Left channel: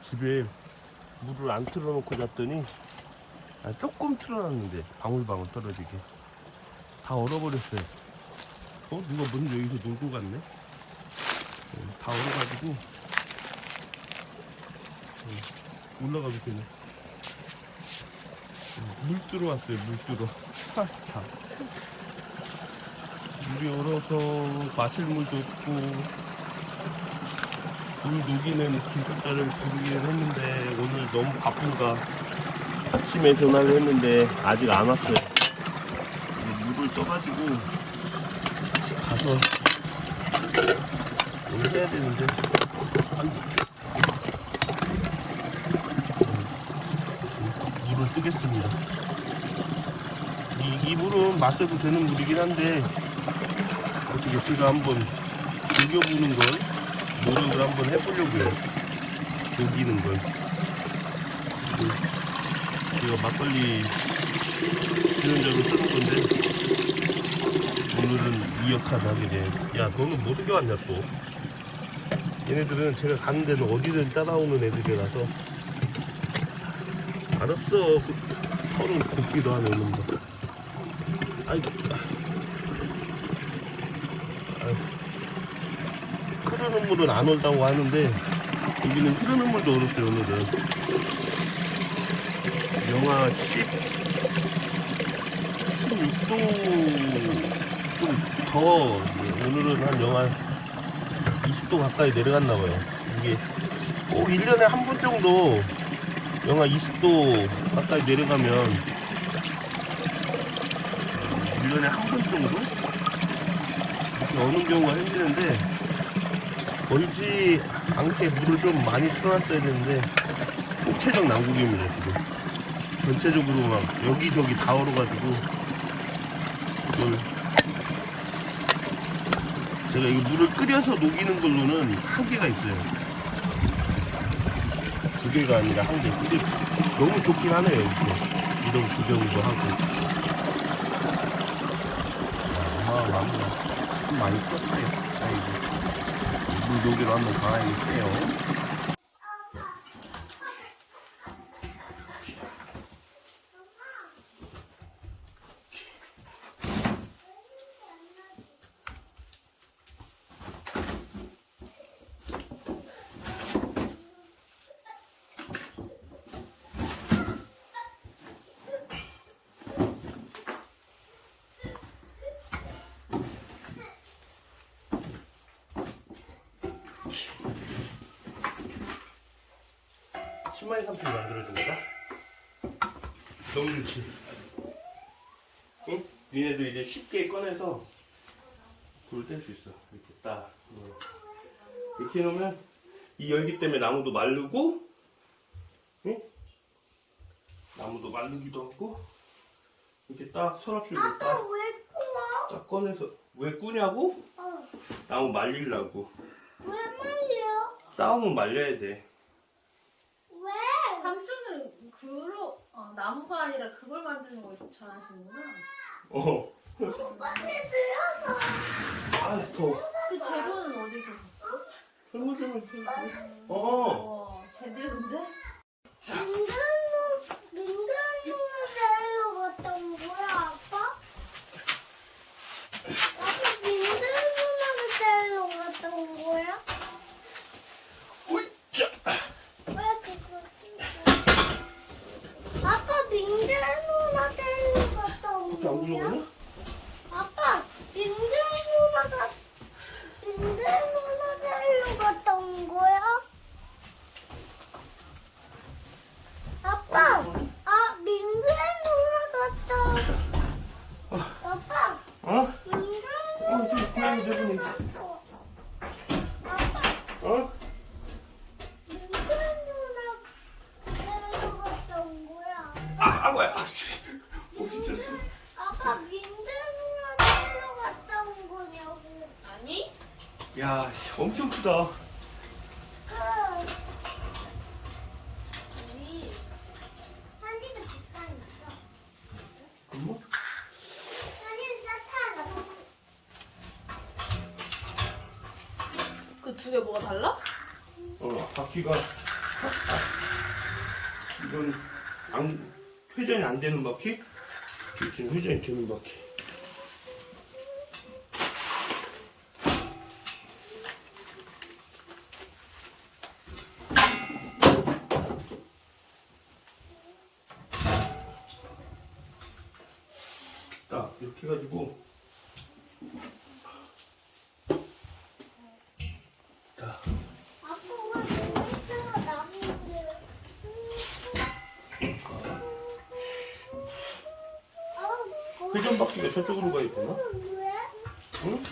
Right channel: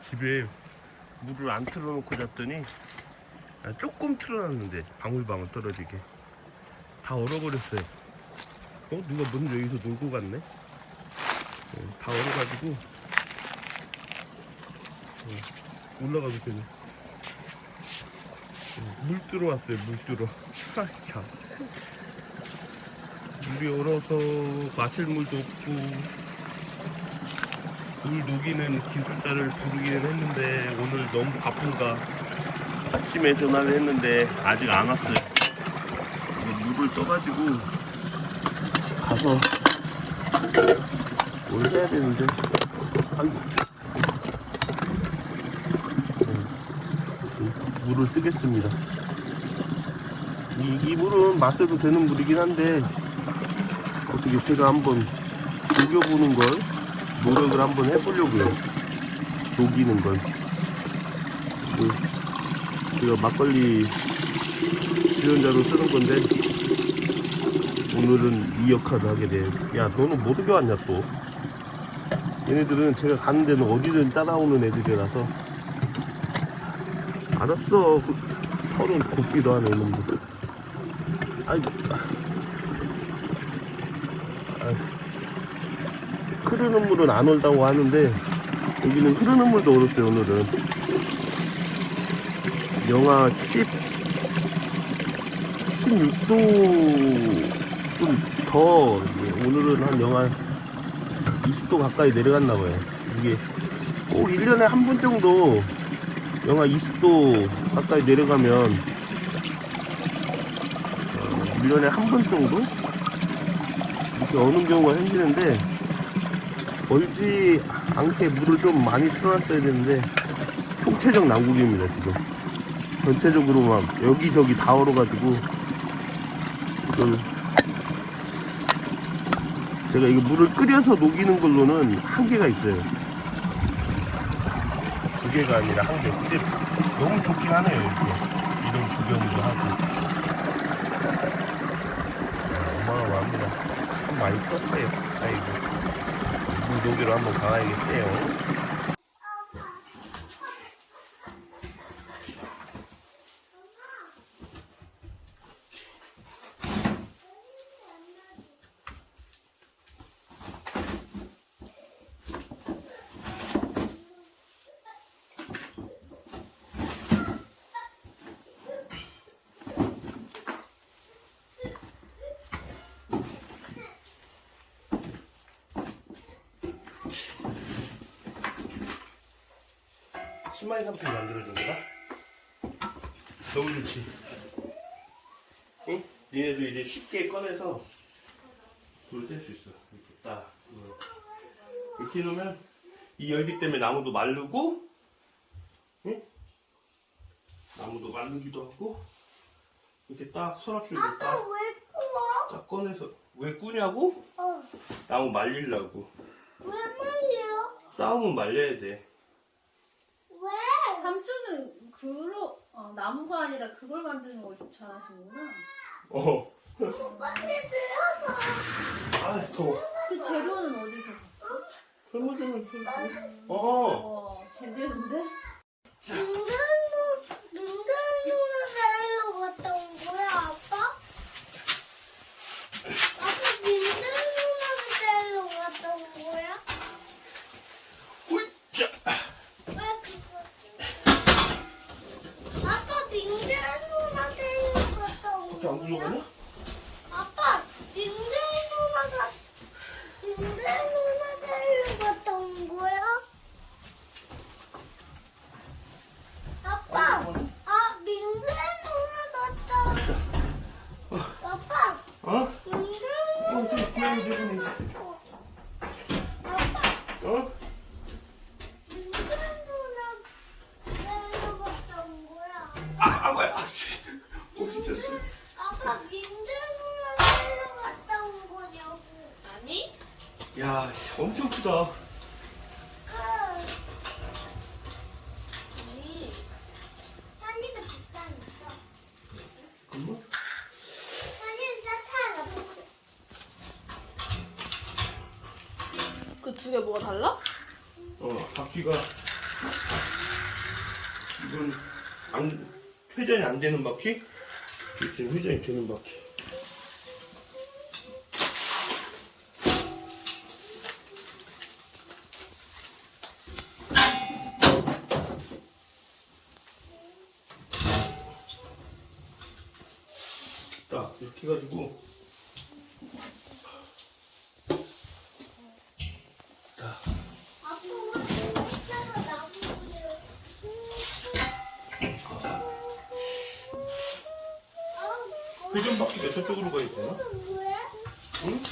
집에 물을 안 틀어놓고 잤더니 조금 틀어놨는데 방울방울 떨어지게 다 얼어버렸어요. 누가 먼저 여기서 놀고 갔네? 다 얼어가지고 올라가도 되네. 물 들어왔어요. 물 들어. 참. 물이 얼어서 마실 물도 없고 물 녹이는 기술자를 부르기는 했는데 오늘 너무 바쁜가 아침에 전화를 했는데 아직 안 왔어요. 물을 떠가지고 가서 뭘 해야 되는데 물을 뜨겠습니다. 이 물은 마셔도 되는 물이긴 한데 어떻게 제가 한번 녹여보는 걸 노력을 한번 해보려고요. 녹이는 걸. 제가 막걸리 주연자로 쓰는 건데 오늘은 이 역할을 하게 돼. 야, 너는 뭐 필요하냐 또. 얘네들은 제가 가는 데는 어디든 따라오는 애들이라서. 알았어. 털은 곱기도 하네 이놈들. 아이고. 흐르는 물은 안 올다고 하는데 여기는 흐르는 물도 얼었어요. 오늘은 영하 16도 좀 더, 오늘은 한 영하 20도 가까이 내려갔나봐요. 이게 꼭 1년에 한 번 정도 영하 20도 가까이 내려가면 1년에 한 번 정도 이렇게 오는 경우가 생기는데 멀지 않게 물을 좀 많이 틀어놨어야 되는데 총체적 난국입니다. 지금 전체적으로 막 여기저기 다 얼어가지고 지금 제가 이거 물을 끓여서 녹이는 걸로는 한계가 있어요. 2개가 아니라 1개. 근데 너무 좋긴 하네요. 이런 구경도 하고. 좀 많이 컸어요. 물 녹이로 한번 가야겠어요. 신마이 삼촌이 만들어준 거다? 너무 좋지? 응? 니네도 이제 쉽게 꺼내서 불 뗄 수 있어. 이렇게 딱. 이렇게 해놓으면 이 열기 때문에 나무도 마르고, 응? 나무도 마르기도 하고, 이렇게 딱 서랍식으로 딱, 왜 꾸어? 딱 꺼내서. 왜 꾸냐고? 어. 나무 말리려고. 왜 말이야? 싸우면 말려야 돼. 왜? 삼촌은 나무가 아니라 그걸 만드는 걸 좀 잘하시는구나. 빨리 들어서. 아, 더워. 그 재료는 어디서 샀어? 설거지는 와, 제대로인데? 민간 누나 데리러 갔다 온 거야, 아빠? 아빠 민간 누나를 데리러 갔다 온 거야? 으쌰. 왜 아빠 민간 누나 데리러 갔다 온 그렇게 안 거야? 들려가냐? 아빠 민간 누나 데리러 갔다 온 거야? 아빠, 민간 누나 갔다. 아빠, 어? 민간 저기 고양이 내리는 누나. 아빠, 어? 민간 누나 데리러 갔다 온 거야. 아이고야. 혹시 졌어? 아빠, 민간 누나 데리러 갔다 온 거냐고. 아니? 야, 엄청 크다. 한이도 비싸니까. 응? 한이는 싸타요. 그 두 개 뭐가 달라? 바퀴가 이건 회전이 안 되는 바퀴? 지금 회전이 되는 바퀴. 딱 이렇게 해가지고 딱 아빠 여기다가 나무를. 회전 바퀴가 저쪽으로 가야 되나? 왜? 응?